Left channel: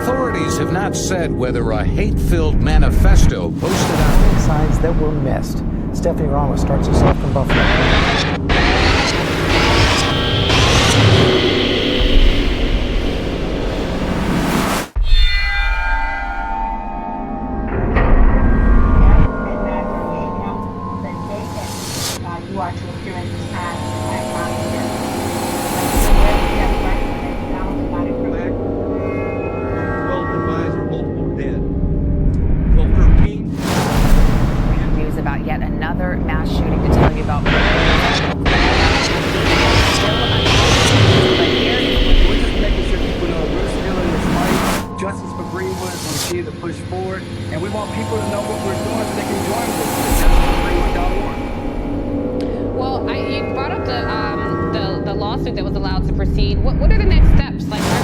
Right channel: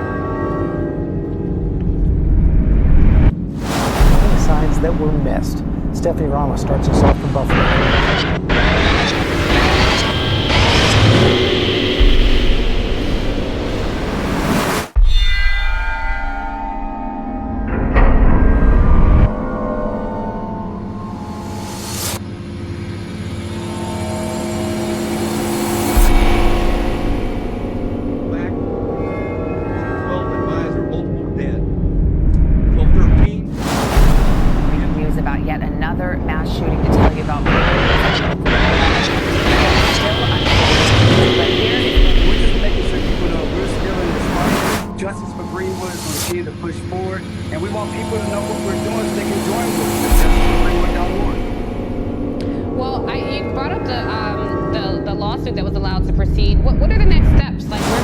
Authorities have not said whether a hate-filled manifesto posted Warning signs that were missed. Stephanie Ramos starts us off from Buffalo. About yet another mass shooting to tell you about breaking news at still unfolding. But here is what we're just making sure people know we're still in this fight. Justice for Greenwood is going to continue to push forward, and we want people to know what we're doing so they can join with us at justiceforgreenwood.org. Well, you brought up the lawsuit that was allowed to proceed. What are the next steps? Like, where